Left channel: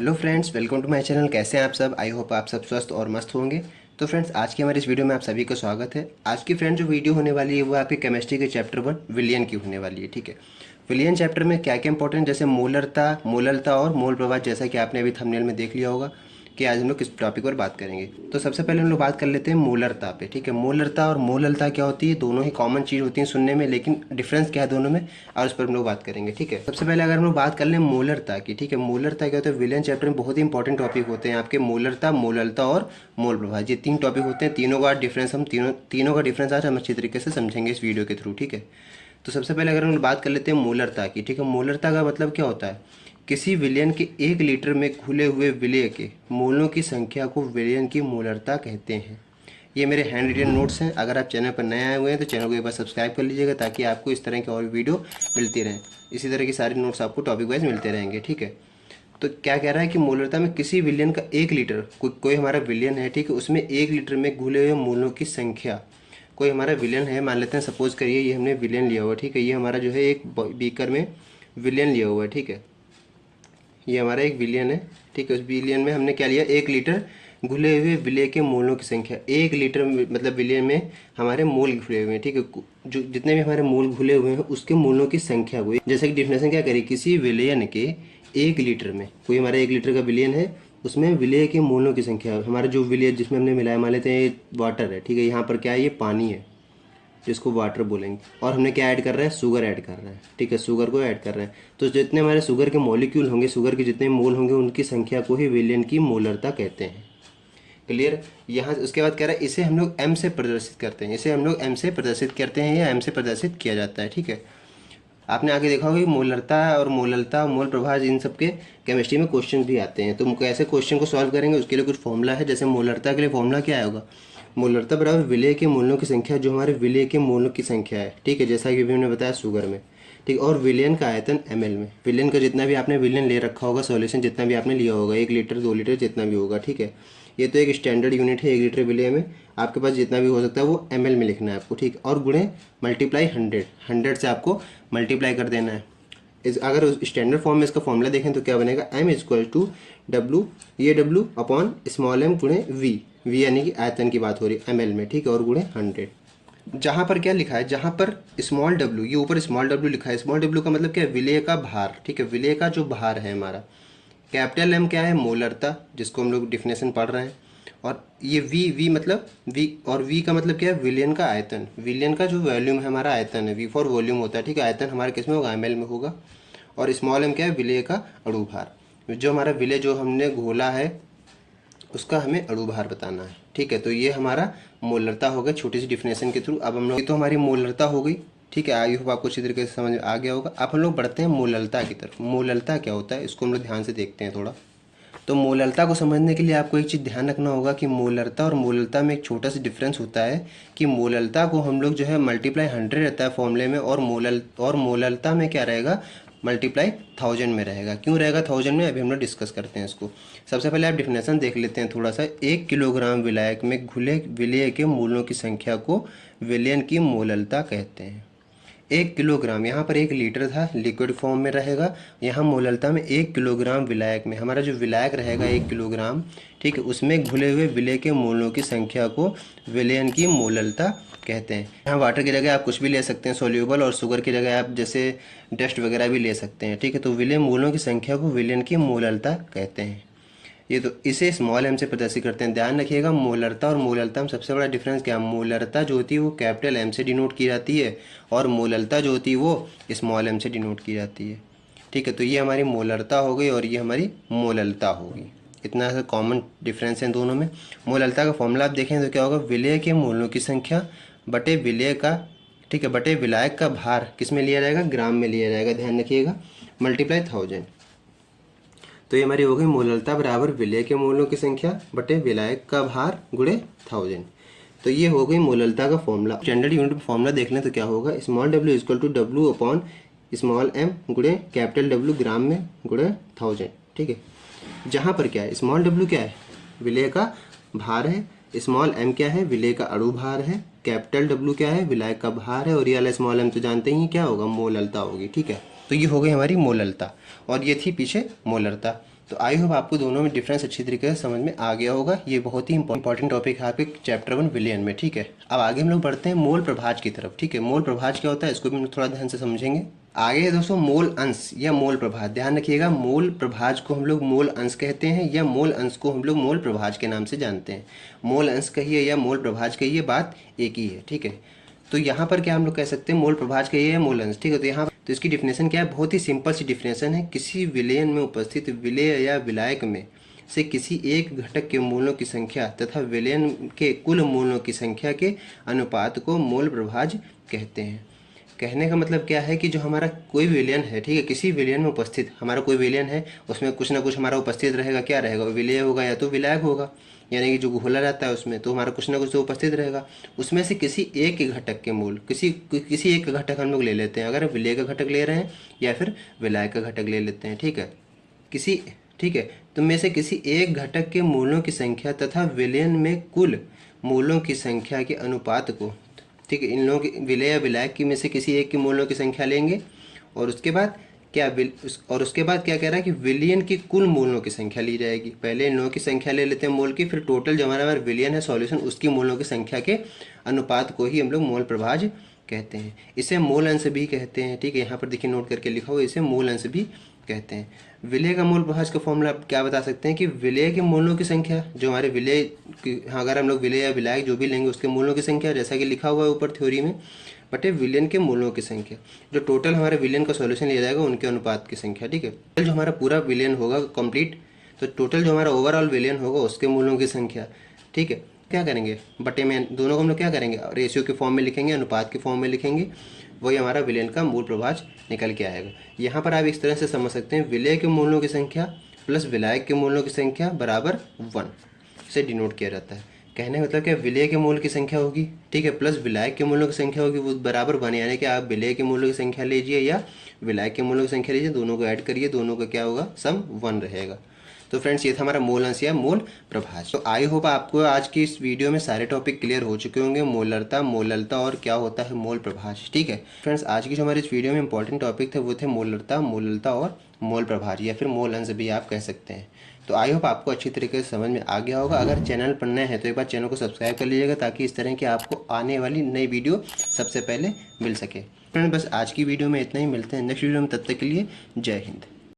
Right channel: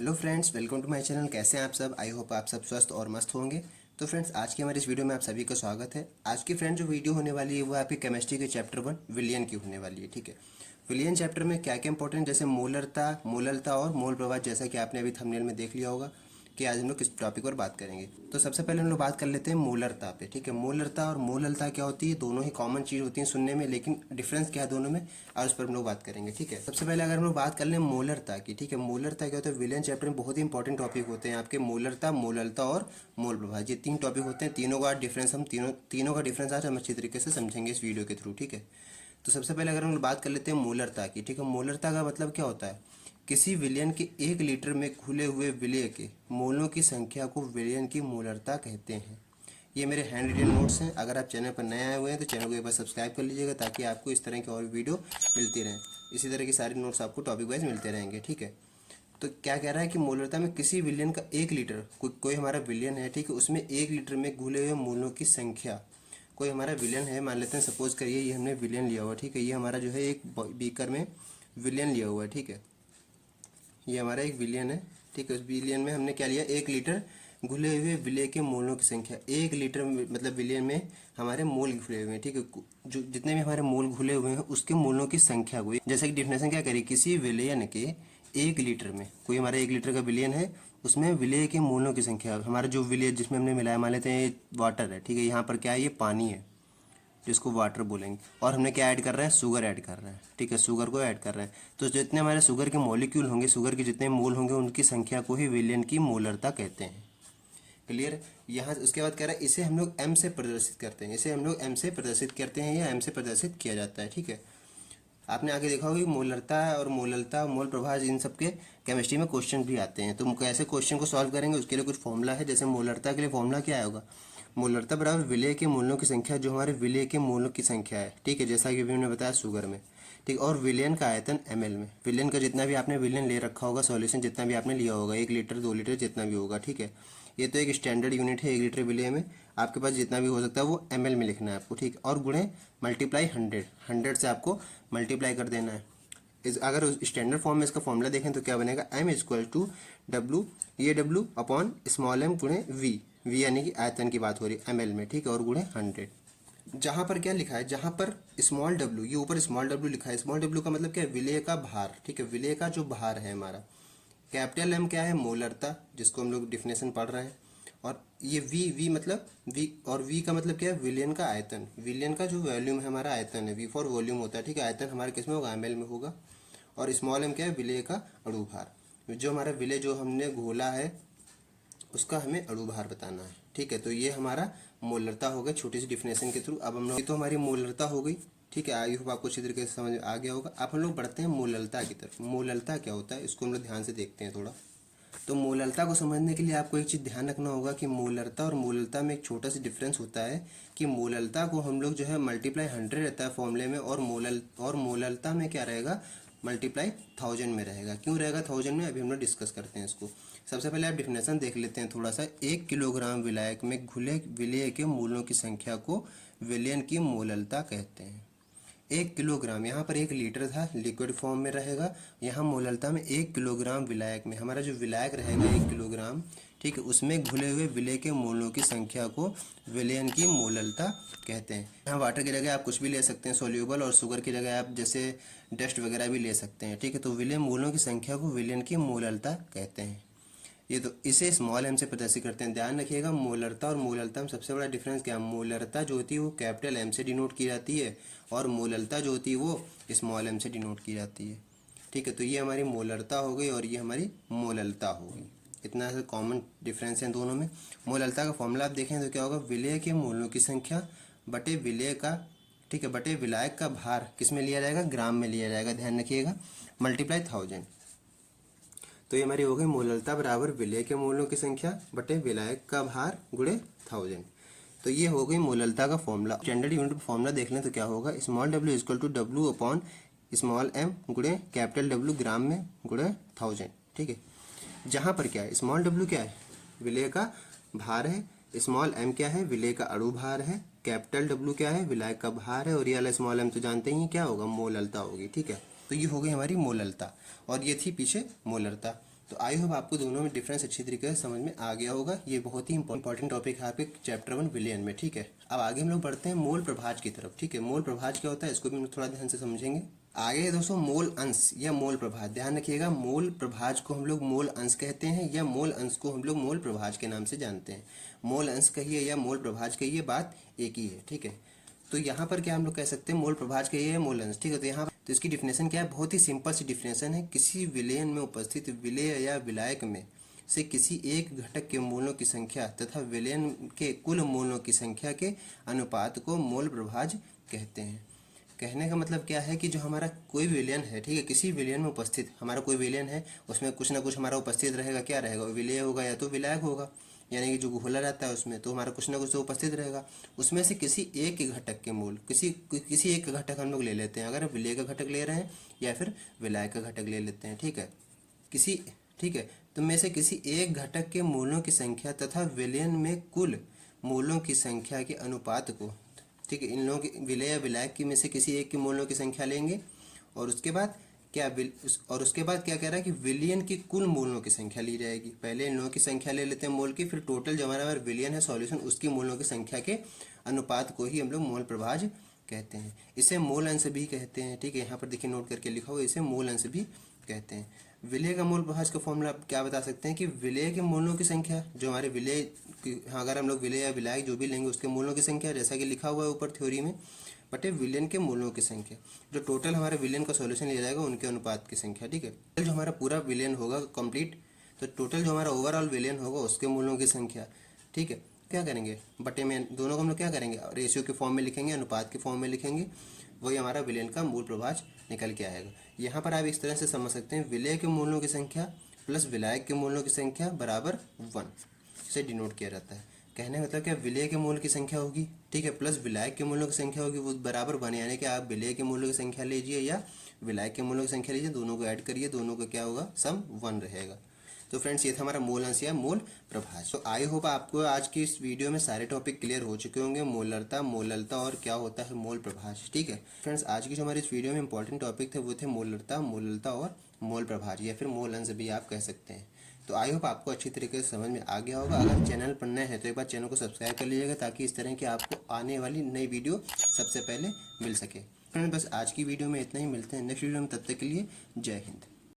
Hello friends, welcome to my channel. कैसे हैं आप सब? आई होप आप सब स्वस्थ और मस्त होंगे। तो फ्रेंड्स, आज की हमारी इस वीडियो में आप सभी का स्वागत है। आज की फ्रेंड जो वीडियो होने वाली है वो आपकी केमिस्ट्री के चैप्टर 1 विलयन की होने वाली है। ठीक है, विलयन चैप्टर में क्या क्या इंपॉर्टेंट, जैसे मोलरता, मोललता और मोल प्रवाह, जैसा कि आपने अभी थंबनेल में देख लिया होगा कि आज हम लोग किस टॉपिक पर बात करेंगे। तो सबसे पहले हम लोग बात कर लेते हैं मोलरता पे। ठीक है, मोलरता और मोललता क्या होती है? दोनों ही कॉमन चीज़ होती हैं सुनने में, लेकिन डिफरेंस क्या है दोनों में, और उस पर हम लोग बात करेंगे। ठीक है, सबसे पहले अगर हम लोग बात कर लें मोलरता की। ठीक है, मोलरता क्या होता है? विलियन चैप्टर में बहुत ही इंपॉर्टेंट टॉपिक होते हैं आपके, मोलरता, मोललता और मोल प्रवाह। ये 3 टॉपिक होते हैं। तीनों का डिफरेंस हम तीनों का डिफरेंस आज हम अच्छी तरीके से समझेंगे इस वीडियो के थ्रू। ठीक है, तो सबसे पहले अगर हम लोग बात कर लेते हैं मोलरता की। ठीक है, मोलरता का मतलब क्या होता है? किसी विलयन के 1 लीटर में घुले हुए विलय के मोलों की संख्या को विलयन की मोलरता कहते हैं। ये मेरे हैंड रिटन नोट्स हैं। अगर आप चैनल पर नए आए हुए हैं तो चैनल को एक बार सब्सक्राइब कर लीजिएगा, ताकि आपको इस तरह की और वीडियो मिलती रहें। इसी तरह की सारी नोट्स आपको टॉपिक वाइज मिलते रहेंगे। ठीक है, तो क्या कह रहा है कि मोलरता में किसी विलयन का 1 लीटर, कोई हमारा विलयन है, ठीक है, उसमें 1 लीटर में घुले हुए मोलों की संख्या, कोई हमारा विलयन है, मान लेते हैं, सपोज करिए ये हमने विलयन लिया हुआ है। ठीक है, ये हमारा जो है एक बीकर में विलयन लिया हुआ है। ठीक है, ये हमारा एक विलियन है। ठीक है, उस विलियन में हमने क्या लिया? 1 लीटर घुले हुए विलय के मोलों की संख्या। 1 लीटर मतलब विलयन में हमारे मोल घुले हुए हैं। ठीक है, जो जितने भी हमारे मोल घुले हुए हैं उसके मोलों की संख्या को, जैसे कि डिफिनेशन क्या करें, किसी विलयन के 1 लीटर में, कोई हमारा 1 लीटर का विलयन है, उसमें विलय के मोलों की संख्या, हमारा जो विलय जिसमें हमने मिलाया, मान लेते हैं ये वाटर है। ठीक है, यहाँ पर क्या है? ये पानी है जिसको वाटर बोलेंगे, और हमने क्या ऐड कर रहे हैं? शुगर ऐड कर रहे हैं। ठीक है, शुगर को ऐड कर रहे हैं। तो जितने हमारे शुगर के मॉलिक्यूल होंगे, शुगर के जितने मोल होंगे, उनकी संख्या को ही विलयन की मोलरता कहते हैं। क्लियर? यहाँ उसके बाद कह रहा है इसे हम लोग एम से प्रदर्शित करते हैं। इसे हम लोग एम से प्रदर्शित करते हैं या एम से प्रदर्शित किया जाता है। ठीक है, आपने आगे देखा होगा कि मोलरता और मोललता, मोल प्रवाह, इन सब के केमिस्ट्री में क्वेश्चन भी आते हैं। तो कैसे क्वेश्चन को सॉल्व करेंगे, उसके लिए कुछ फॉर्मूला है। जैसे मोलरता के लिए फॉर्मूला क्या होगा? मोलरता बराबर विलय के मोलों की संख्या, जो हमारे विलय के मोलों की संख्या है। ठीक है, जैसा कि हमने बताया शुगर में। ठीक, और विलयन का आयतन ml में। विलयन का जितना भी आपने विलयन ले रखा होगा, सॉल्यूशन जितना भी आपने लिया होगा, 1 लीटर 2 लीटर जितना भी होगा। ठीक है, ये तो एक स्टैंडर्ड यूनिट है 1 लीटर विलय में। आपके पास जितना भी हो सकता है वो ml में लिखना है आपको। ठीक, और गुणे मल्टीप्लाई 100 से आपको मल्टीप्लाई कर देना है। अगर स्टैंडर्ड फॉर्म में इसका फॉर्मूला देखें तो क्या बनेगा? m इक्वल टू डब्लू, ये w अपॉन स्मॉल m गुणे v यानी कि आयतन की बात हो रही है ml में। ठीक है, और गुणे 100। जहाँ पर क्या लिखा है? जहाँ पर स्मॉल w, ये ऊपर स्मॉल w लिखा है। स्मॉल w का मतलब क्या है? विलय का भार। ठीक है, विलय का जो भार है हमारा। कैपिटल M क्या है? मोलरता, जिसको हम लोग डिफिनेशन पढ़ रहे हैं। और ये v मतलब v, और v का मतलब क्या है? विलियन का आयतन। विलियन का जो वॉल्यूम है हमारा, आयतन है। v फॉर वॉल्यूम होता है। ठीक है, आयतन हमारे किस में होगा? ml में होगा। और स्मॉल m क्या है? विलय का अणु भार। जो हमारा विलय जो हमने घोला है उसका हमें अणु भार बताना है। ठीक है, तो ये हमारा मोलरता हो गया छोटी सी डिफिनेशन के थ्रू। अब हम लोग, तो हमारी मोलरता हो गई। ठीक है, आई होप आपको अच्छी तरीके से समझ आ गया होगा। अब हम लोग बढ़ते हैं मोललता की तरफ। मोललता क्या होता है, इसको हम लोग ध्यान से देखते हैं थोड़ा। तो मोललता को समझने के लिए आपको एक चीज़ ध्यान रखना होगा कि मोलरता और मोललता में एक छोटा सा डिफरेंस होता है कि मोललता को हम लोग जो है मल्टीप्लाई 100 रहता है फॉर्मूले में, और मोललता में क्या रहेगा? मल्टीप्लाई 1000 में रहेगा। क्यों रहेगा 1000 में? अभी हम लोग डिस्कस करते हैं इसको। सबसे पहले आप डिफिनेशन देख लेते हैं थोड़ा सा। 1 किलोग्राम विलायक में घुले विलय के मोलों की संख्या को विलयन की मोललता कहते हैं। 1 किलोग्राम, यहाँ पर 1 लीटर था, लिक्विड फॉर्म में रहेगा। यहाँ मोललता में 1 किलोग्राम विलायक में, हमारा जो विलायक रहेगा 1 किलोग्राम, ठीक है, उसमें घुले हुए विलय के मोलों की संख्या को विलयन की मोललता कहते हैं। यहाँ वाटर की जगह आप कुछ भी ले सकते हैं सोल्यूबल, और शुगर की जगह आप जैसे डस्ट वगैरह भी ले सकते हैं। ठीक है, तो विलय मोलों की संख्या को विलयन की मोललता कहते हैं। ये तो इसे स्मॉल m से प्रदर्शित करते हैं। ध्यान रखिएगा, मोलरता और मोललता में सबसे बड़ा डिफरेंस क्या है? मोलरता जो होती है वो कैपिटल M से डिनोट की जाती है, और मोललता जो होती है वो स्मॉल m से डिनोट की जाती है। ठीक है, तो ये हमारी मोलरता हो गई और ये हमारी मोललता हो गई। इतना सा कॉमन डिफरेंस है दोनों में। मोललता का फॉर्मूला आप देखें तो क्या होगा? विलय के मोलों की संख्या बटे विलय का, ठीक है, बटे विलायक का भार किस में लिया जाएगा? ग्राम में लिया जाएगा। ध्यान रखिएगा, मल्टीप्लाई 1000। तो ये हमारी हो गई मोललता बराबर विलय के मोलों की संख्या बटे विलायक का भार गुणे 1000। तो ये हो गई मोललता का फॉर्मूला। स्टैंडर्ड यूनिट में फॉर्मूला देख लें तो क्या होगा? Small w equal to W upon small m गुणे कैपिटल W ग्राम में गुणे 1000। ठीक है, जहाँ पर क्या है? स्मॉल w क्या है? विलय का भार है। स्मॉल m क्या है? विलय का अणु भार है। कैपिटल W क्या है? विलायक का भार है। और ये वाला स्मॉल m तो जानते ही क्या होगा? मोललता होगी। ठीक है, तो ये हो गई हमारी मोललता, और ये थी पीछे मोलरता। तो आई होप आपको दोनों में डिफरेंस अच्छी तरीके से समझ में आ गया होगा। ये बहुत ही इंपॉर्टेंट टॉपिक है आपके चैप्टर 1 विलियन में, ठीक है। अब आगे हम लोग बढ़ते हैं मोल प्रभाज की तरफ, ठीक है। मोल प्रभाज क्या होता है इसको भी हम लोग थोड़ा ध्यान से समझेंगे। आगे है दोस्तों मोल अंश या मोल प्रभाज। ध्यान रखिएगा, मोल प्रभाज को हम लोग मोल अंश कहते हैं या मोल अंश को हम लोग मोल प्रभाज के नाम से जानते हैं। मोल अंश कहिए या मोल प्रभाज कहिए, बात एक ही है, ठीक है। तो यहाँ पर क्या हम लोग कह सकते हैं, मोल प्रभाज कहिए या मोल अंश, ठीक है। तो यहाँ तो इसकी डिफिनेशन क्या है, बहुत ही सिंपल सी डिफिनेशन है। किसी विलयन में उपस्थित विलेय या विलायक में से किसी एक घटक के मूलों की संख्या तथा विलयन के कुल मूलों की संख्या के अनुपात को मोल प्रभाज कहते हैं। कहने का मतलब क्या है कि जो हमारा कोई विलयन है, ठीक है, किसी विलयन में उपस्थित हमारा कोई विलयन है, उसमें कुछ ना कुछ हमारा उपस्थित रहेगा। क्या रहेगा, विलेय होगा या तो विलायक होगा, यानी कि जो घोला रहता है उसमें तो हमारा कुछ ना कुछ तो उपस्थित रहेगा। उसमें से किसी एक के घटक के मूल, किसी एक का घटक हम लोग ले लेते हैं, अगर विलेय का घटक ले रहे हैं या फिर विलायक का घटक ले लेते हैं, ठीक है। ठीक है, तो में से किसी एक घटक के मूलों की संख्या तथा विलयन में कुल मूलों की संख्या के अनुपात को, ठीक है, इन लोगों की विलेय या विलायक की में से किसी एक के मूलों की संख्या लेंगे और उसके बाद उसके बाद क्या कह रहा है कि विलियन की कुल मूलों की संख्या ली जाएगी। पहले इन लोगों की संख्या ले लेते हैं मूल की, फिर टोटल जो हमारा विलियन है सॉल्यूशन उसकी मूलों की संख्या के अनुपात को ही हम लोग मोल प्रभाज कहते हैं। इसे मूल अंश भी कहते हैं, ठीक है। यहाँ पर देखिए नोट करके लिखा हुआ, इसे मूल अंश भी कहते हैं। विलेय का मूल प्रभाज का फॉर्मूला क्या बता सकते हैं कि विलेय के मूलों की संख्या, जो हमारे विलेय अगर हम लोग विलेय या विलायक जो भी लेंगे उसके मूलों की संख्या, जैसा कि लिखा हुआ है ऊपर थ्योरी में, बटे विलियन के मूलों की संख्या, जो टोटल हमारे विलियन का सॉल्यूशन लिया जाएगा उनके अनुपात की संख्या, ठीक है। जो हमारा पूरा विलियन होगा कंप्लीट, तो टोटल जो हमारा ओवरऑल विलियन होगा उसके मूलों की संख्या, ठीक है। क्या करेंगे, बटे में दोनों को हम लोग क्या करेंगे, रेशियो के फॉर्म में लिखेंगे, अनुपात के फॉर्म में लिखेंगे, वही हमारा विलियन का मूल प्रभाज निकल के आएगा। यहाँ पर आप इस तरह से समझ सकते हैं, विलेय के मूलों की संख्या प्लस विलायक के मूलों की संख्या बराबर 1 से डिनोट किया जाता है। कहने का मतलब क्या, विलेय के मूल की संख्या होगी, ठीक है, प्लस विलायक के मूलों की संख्या होगी, वो बराबर 1, यानी कि आप विलेय के मूलों की संख्या लीजिए या विलायक के मूलों की संख्या लीजिए, दोनों को ऐड करिए, दोनों का क्या होगा, सम 1 रहेगा। तो फ्रेंड्स ये था हमारा मोल अंश या मोल प्रभाज। तो आई होप आपको आज की इस वीडियो में सारे टॉपिक क्लियर हो चुके होंगे, मोलरता और क्या होता है मोल प्रभाज, ठीक है। फ्रेंड्स आज की जो हमारी इस वीडियो में इंपॉर्टेंट टॉपिक थे वो थे मोलरता और मोल प्रभाज या फिर मोल अंश भी आप कह सकते हैं। तो आई होप आपको अच्छी तरीके से समझ में आ गया होगा। अगर चैनल पर नए हैं तो एक बार चैनल को सब्सक्राइब कर लीजिएगा ताकि इस तरह की आपको आने वाली नई वीडियो सबसे पहले मिल सके। फ्रेंड्स बस आज की वीडियो में इतना ही, मिलते हैं नेक्स्ट वीडियो में, तब तक के लिए जय हिंद।